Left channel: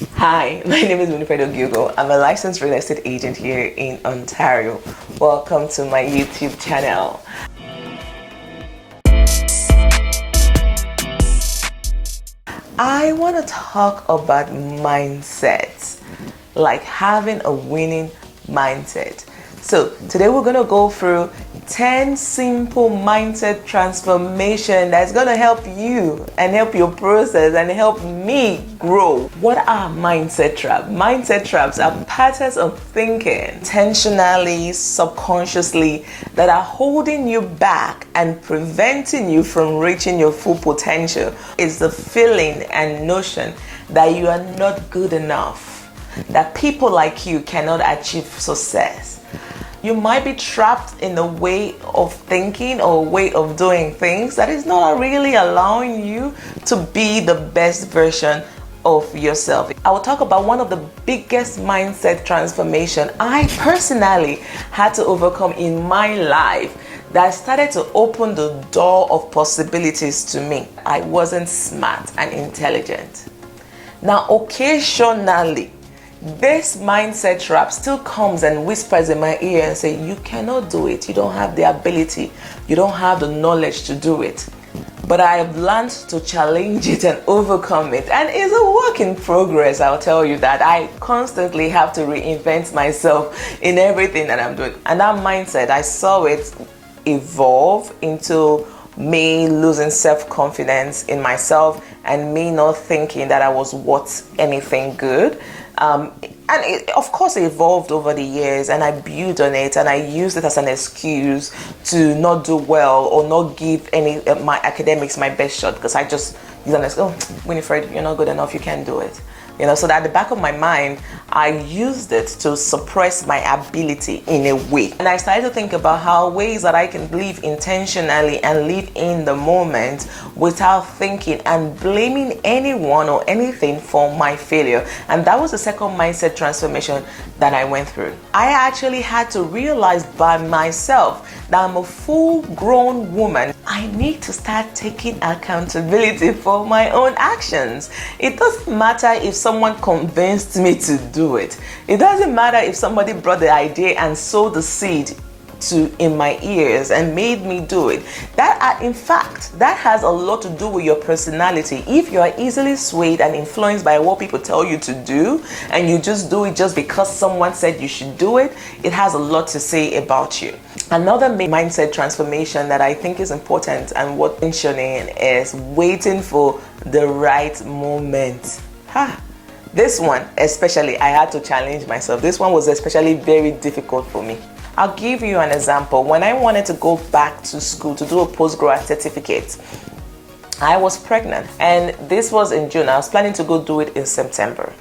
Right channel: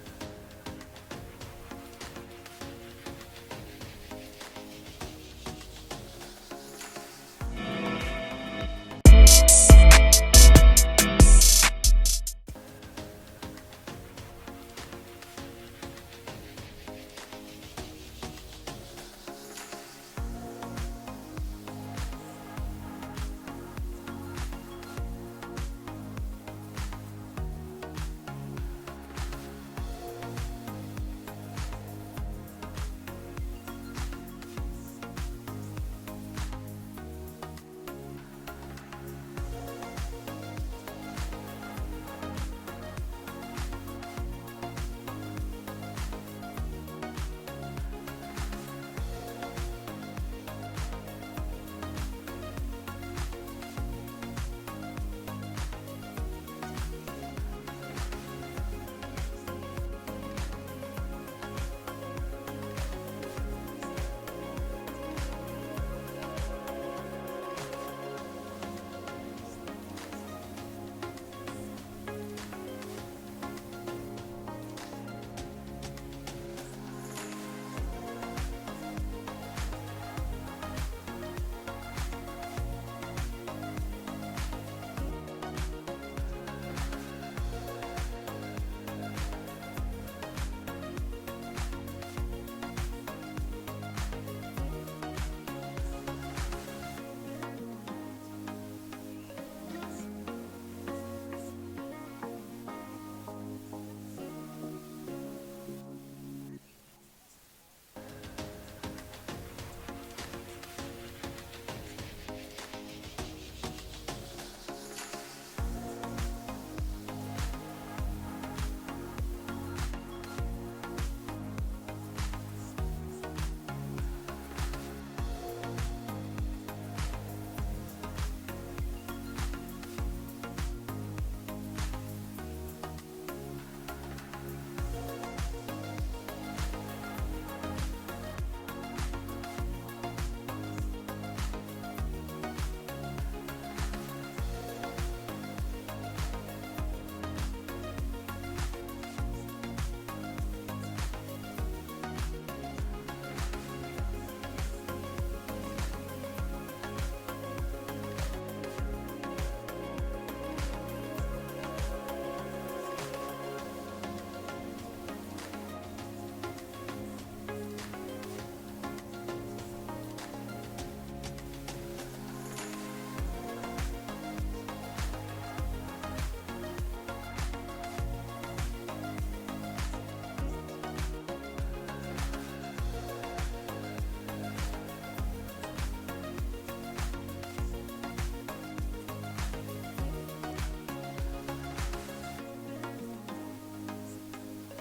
Hi, my name is Winifred Ogiugo. I'm a licensed real estate agent here in Ontario. Welcome to my YouTube channel. I want to talk about mindsets, like having a winning mindset. So today we're going to go through 10 simple mindset transformation that's going to help you and help your process and help me grow. What are mindset traps? Mindset traps are patterns of thinking intentionally, subconsciously, that are holding you back and preventing you from reaching your full potential. It's the feeling and notion that you are not good enough, that people like you cannot achieve success. You might be trapped in a way of thinking or a way of doing things that is not really allowing you to be the best version of yourself. I will talk about one of the biggest mindset transformation I personally had to overcome in my life that started to open the door of possibilities to me. I wasn't smart and intelligent. Now, occasionally, this mindset trap still comes and whispers in my ear and say, you cannot do it. You don't have the ability. You don't have the knowledge to do it. But I have learned to challenge it and overcome it. And it's a work in progress, I'll tell you that. I constantly have to reinvent myself in everything that I'm doing. And that mindset, I saw it evolve into me losing self-confidence in myself and me not thinking that I was worth anything good. And it, of course, it evolved over the years, and I built on it, and I used it as an excuse to not do well or not give any my academics my best shot, because I just use an excuse. Oh, Winifred, you're not good enough. You can't do it. So that at the back of my mind, I used it to suppress my ability in a way. And I started to think about how ways that I can live intentionally and live in the moment without thinking and blaming anyone or anything for my failure. And that was the second mindset transformation that I went through. I actually had to realize by myself that I'm a full-grown woman. I need to start taking accountability for my own actions. It doesn't matter if someone convinced me to do it. It doesn't matter if somebody brought the idea and sowed the seed in my ears and made me do it. In fact, that has a lot to do with your personality. If you are easily swayed and influenced by what people tell you to do, and you just do it just because someone said you should do it, it has a lot to say about you. Another mindset transformation that I think is important and worth mentioning is waiting for the right moment. This one, especially, I had to challenge myself. This one was especially very difficult for me. I'll give you an example. When I wanted to go back to school to do a postgrad certificate, I was pregnant, and this was in June. I was planning to go do it in September.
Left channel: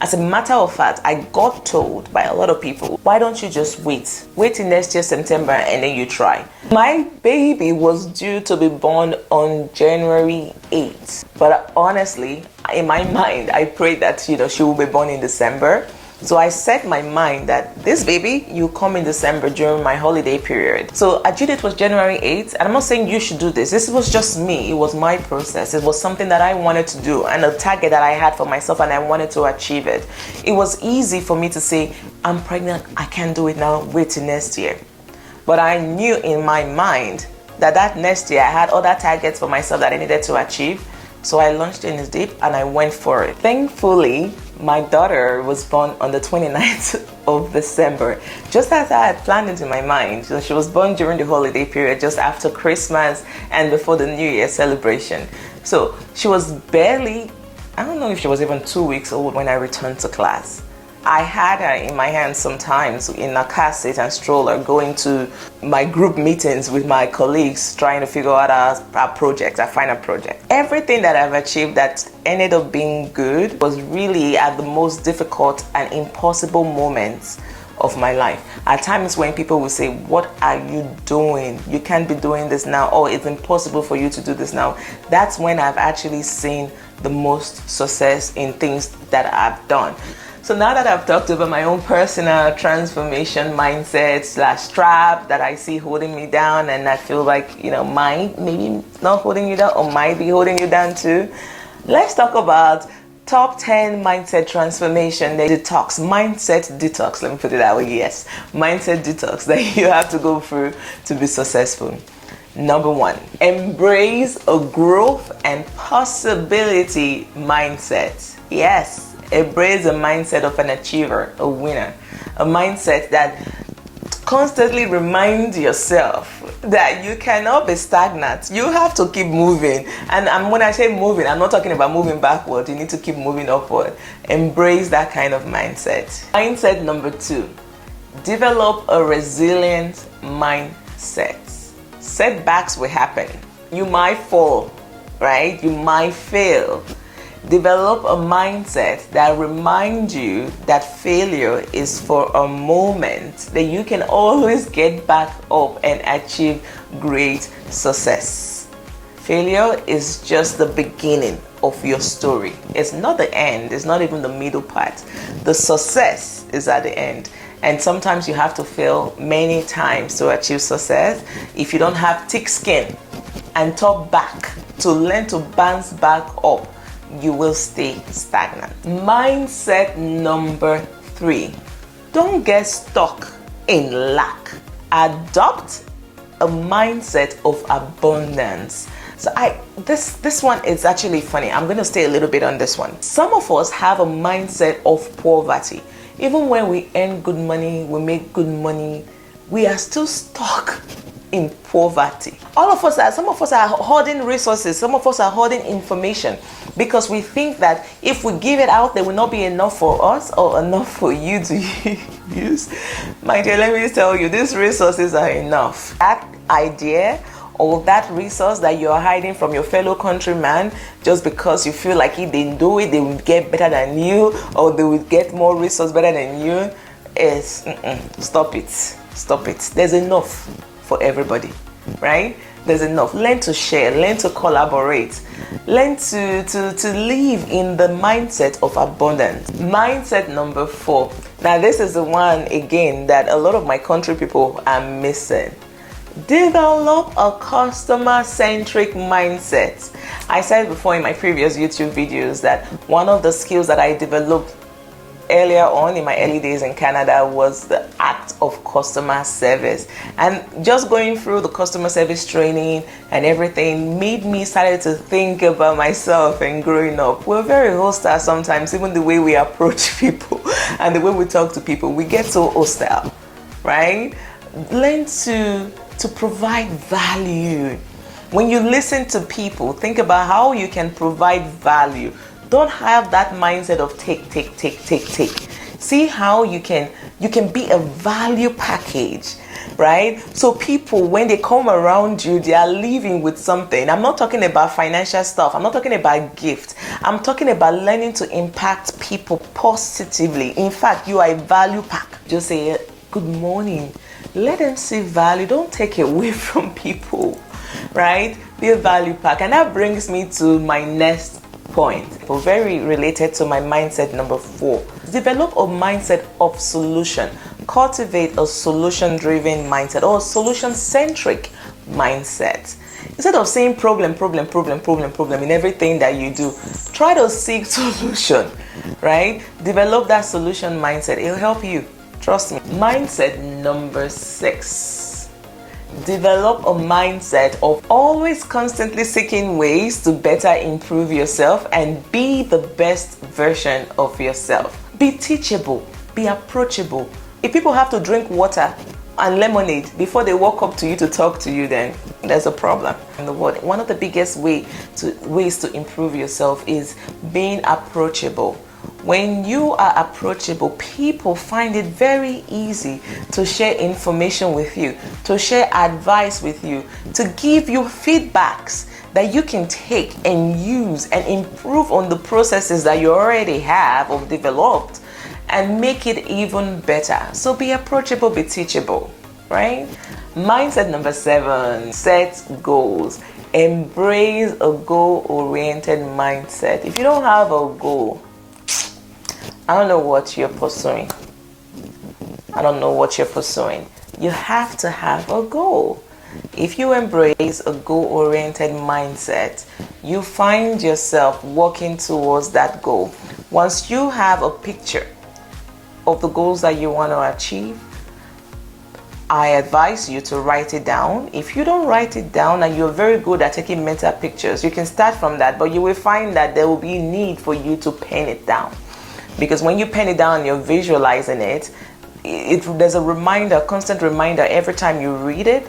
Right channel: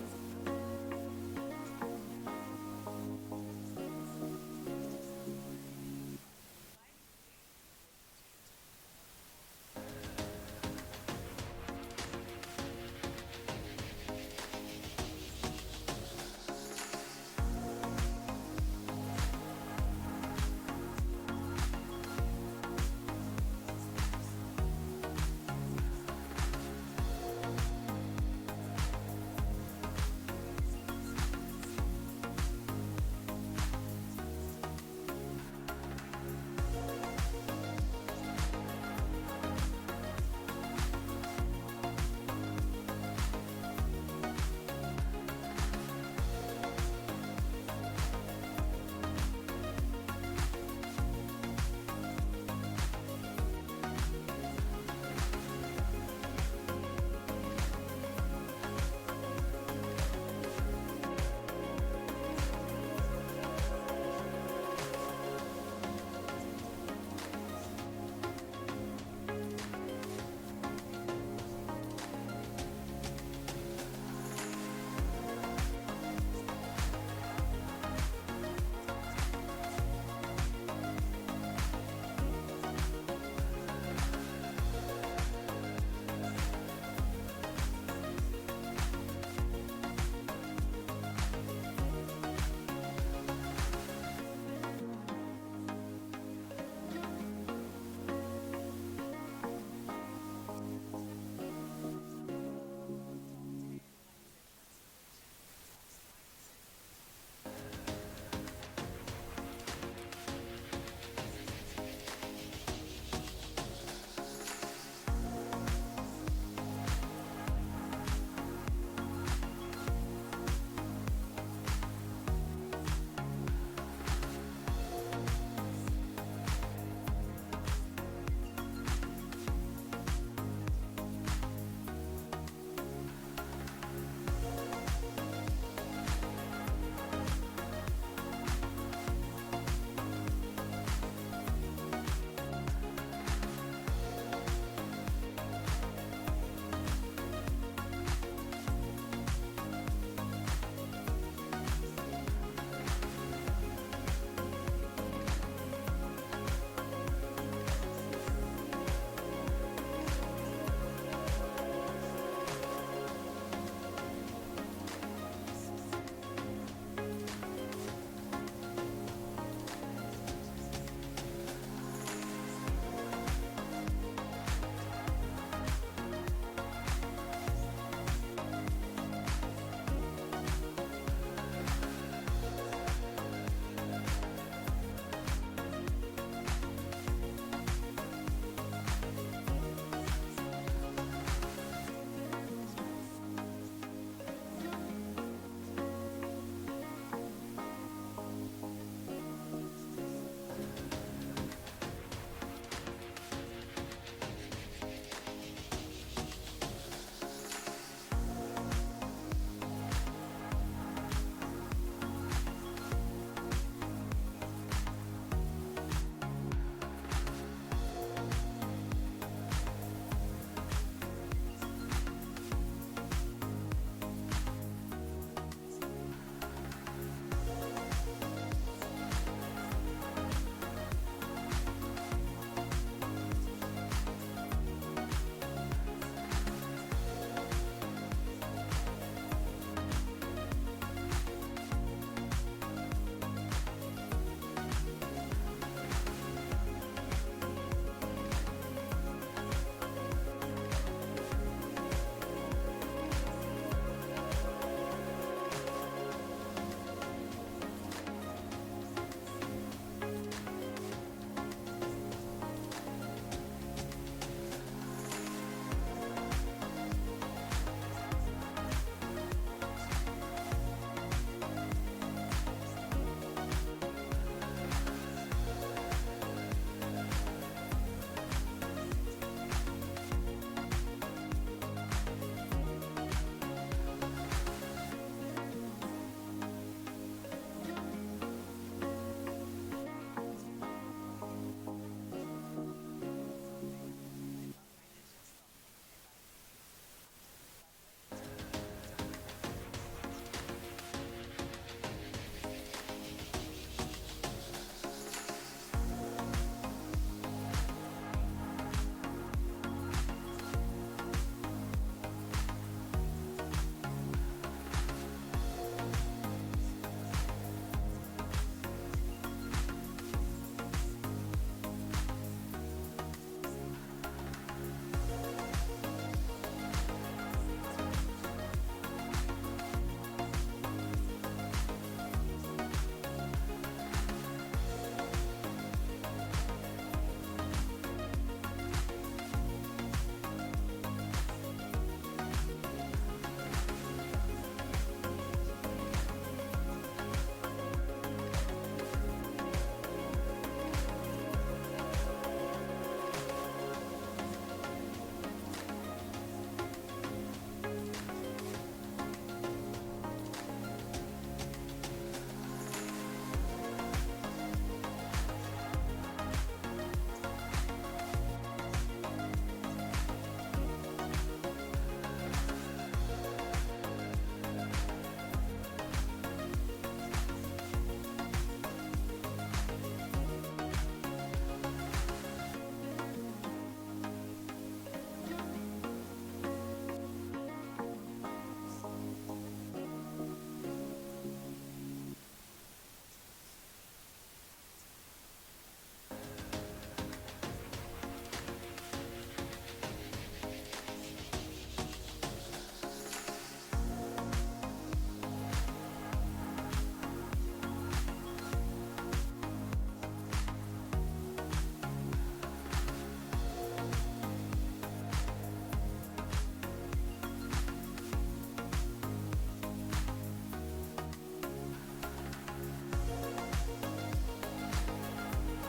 As a matter of fact, I got told by a lot of people, why don't you just wait? Wait till next year, September, and then you try. My baby was due to be born on January 8th. But honestly, in my mind, I prayed that, she will be born in December. So I set my mind that this baby, you come in December during my holiday period. So our due date was January 8th, and I'm not saying you should do this. This was just me. It was my process. It was something that I wanted to do and a target that I had for myself, and I wanted to achieve it. It was easy for me to say, I'm pregnant, I can't do it now, wait till next year. But I knew in my mind that next year I had other targets for myself that I needed to achieve. So I launched in this deep and I went for it. Thankfully, my daughter was born on the 29th of December, just as I had planned it in my mind. So she was born during the holiday period, just after Christmas and before the New Year celebration. So she was barely, I don't know if she was even 2 weeks old when I returned to class. I had her in my hands sometimes in a car seat and stroller, going to my group meetings with my colleagues, trying to figure out our project, our final project. Everything that I've achieved that ended up being good was really at the most difficult and impossible moments of my life. At times when people will say, what are you doing? You can't be doing this now. Oh, it's impossible for you to do this now. That's when I've actually seen the most success in things that I've done. So now that I've talked about my own personal transformation mindset / trap that I see holding me down, and I feel like, might maybe not holding you down or might be holding you down too, let's talk about Top 10 mindset transformation, the detox, mindset detox, let me put it that way, yes. Mindset detox that you have to go through to be successful. Number 1, embrace a growth and possibility mindset. Yes, embrace a mindset of an achiever, a winner. A mindset that constantly reminds yourself that you cannot be stagnant. You have to keep moving. And when I say moving, I'm not talking about moving backward. You need to keep moving upward. Embrace that kind of mindset. Mindset number 2, develop a resilient mindset. Setbacks will happen. You might fall, right? You might fail. Develop a mindset that reminds you that failure is for a moment, that you can always get back up and achieve great success. Failure is just the beginning of your story. It's not the end. It's not even the middle part. The success is at the end. And sometimes you have to fail many times to achieve success. If you don't have thick skin and tough back to learn to bounce back up, you will stay stagnant. Mindset number 3, don't get stuck in lack. Adopt a mindset of abundance. So this one is actually funny. I'm going to stay a little bit on this one. Some of us have a mindset of poverty. Even when we earn good money, we make good money, we are still stuck in poverty. Some of us are hoarding resources, some of us are hoarding information because we think that if we give it out, there will not be enough for us or enough for you to use. My dear, let me tell you, these resources are enough. That idea or that resource that you're hiding from your fellow countryman just because you feel like if they do it, they will get better than you or they will get more resource better than you, is stop it. Stop it. There's enough for everybody, right? There's enough. Learn to share, learn to collaborate, learn to live in the mindset of abundance. Mindset number 4. Now this is the one again that a lot of my country people are missing. Develop a customer-centric mindset. I said before in my previous YouTube videos that one of the skills that I developed earlier on in my early days in Canada was the act of customer service. And just going through the customer service training and everything made me started to think about myself and growing up. We're very hostile sometimes, even the way we approach people and the way we talk to people, we get so hostile, right? Learn to provide value. When you listen to people, think about how you can provide value. Don't have that mindset of take. See how you can be a value package, right? So people, when they come around you, they are leaving with something. I'm not talking about financial stuff. I'm not talking about gifts. I'm talking about learning to impact people positively. In fact, you are a value pack. Just say, good morning. Let them see value. Don't take away from people, right? Be a value pack. And that brings me to my next point, very related to my mindset number 4. Develop a mindset of solution. Cultivate a solution-driven mindset or solution-centric mindset. Instead of saying problem in everything that you do, try to seek solution, right? Develop that solution mindset. It'll help you. Trust me. Mindset number 6. Develop a mindset of always constantly seeking ways to better improve yourself and be the best version of yourself. Be teachable, be approachable. If people have to drink water and lemonade before they walk up to you to talk to you, then there's a problem in the world. One of the biggest ways to improve yourself is being approachable. When you are approachable, people find it very easy to share information with you, to share advice with you, to give you feedbacks that you can take and use and improve on the processes that you already have or developed and make it even better. So be approachable, be teachable, right? Mindset number 7, set goals. Embrace a goal-oriented mindset. If you don't have a goal, I don't know what you're pursuing. You have to have a goal. If you embrace a goal-oriented mindset, you find yourself working towards that goal. Once you have a picture of the goals that you want to achieve, I advise you to write it down. If you don't write it down and you're very good at taking mental pictures, you can start from that, but you will find that there will be need for you to pen it down. Because when you pen it down and you're visualizing it, there's a reminder, constant reminder every time you read it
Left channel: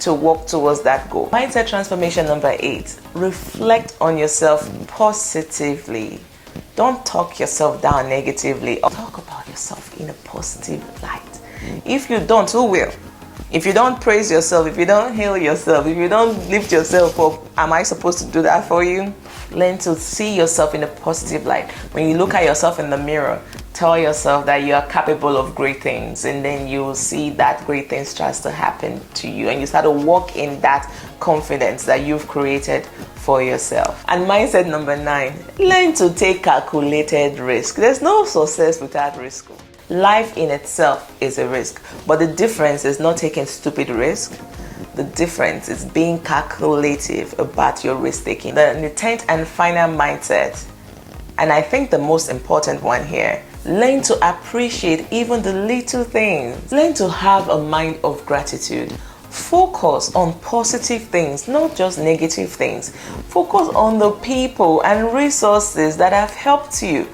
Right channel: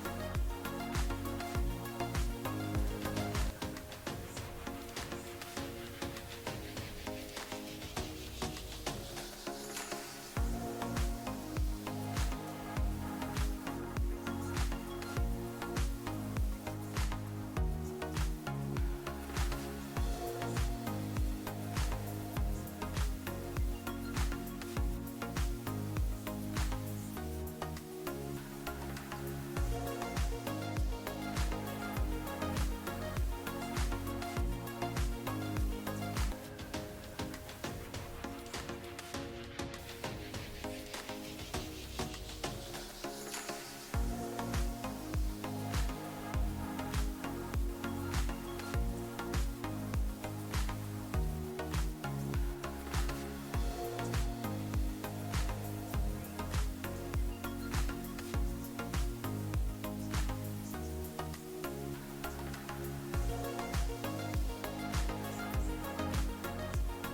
to work towards that goal. Mindset transformation number 8, reflect on yourself positively. Don't talk yourself down negatively. Talk about yourself in a positive light. If you don't, who will? If you don't praise yourself, if you don't heal yourself, if you don't lift yourself up, am I supposed to do that for you? Learn to see yourself in a positive light. When you look at yourself in the mirror, tell yourself that you are capable of great things, and then you will see that great things starts to happen to you, and you start to walk in that confidence that you've created for yourself. And mindset number 9, learn to take calculated risk. There's no success without risk. Life in itself is a risk, but the difference is not taking stupid risk. The difference is being calculative about your risk taking. The 10th and final mindset, and I think the most important one here, learn to appreciate even the little things. Learn to have a mind of gratitude. Focus on positive things, not just negative things. Focus on the people and resources that have helped you.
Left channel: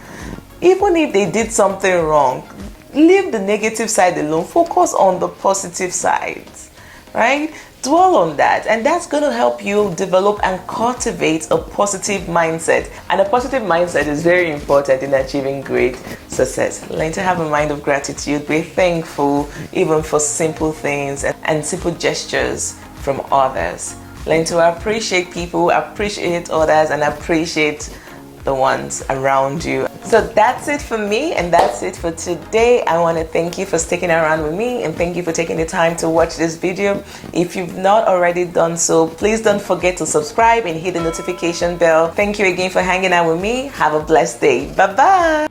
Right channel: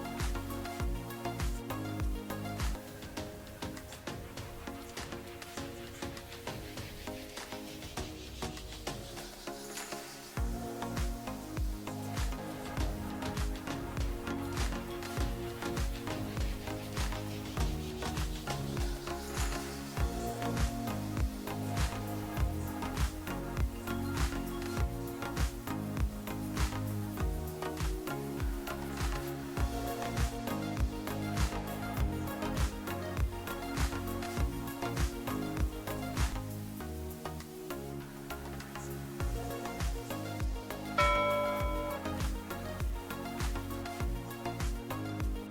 Even if they did something wrong, leave the negative side alone. Focus on the positive sides, right? Dwell on that, and that's going to help you develop and cultivate a positive mindset. And a positive mindset is very important in achieving great success. Learn to have a mind of gratitude. Be thankful even for simple things and simple gestures from others. Learn to appreciate people, appreciate others, and appreciate the ones around you. So that's it for me, and that's it for today. I want to thank you for sticking around with me, and thank you for taking the time to watch this video. If you've not already done so, please don't forget to subscribe and hit the notification bell. Thank you again for hanging out with me. Have a blessed day. Bye bye.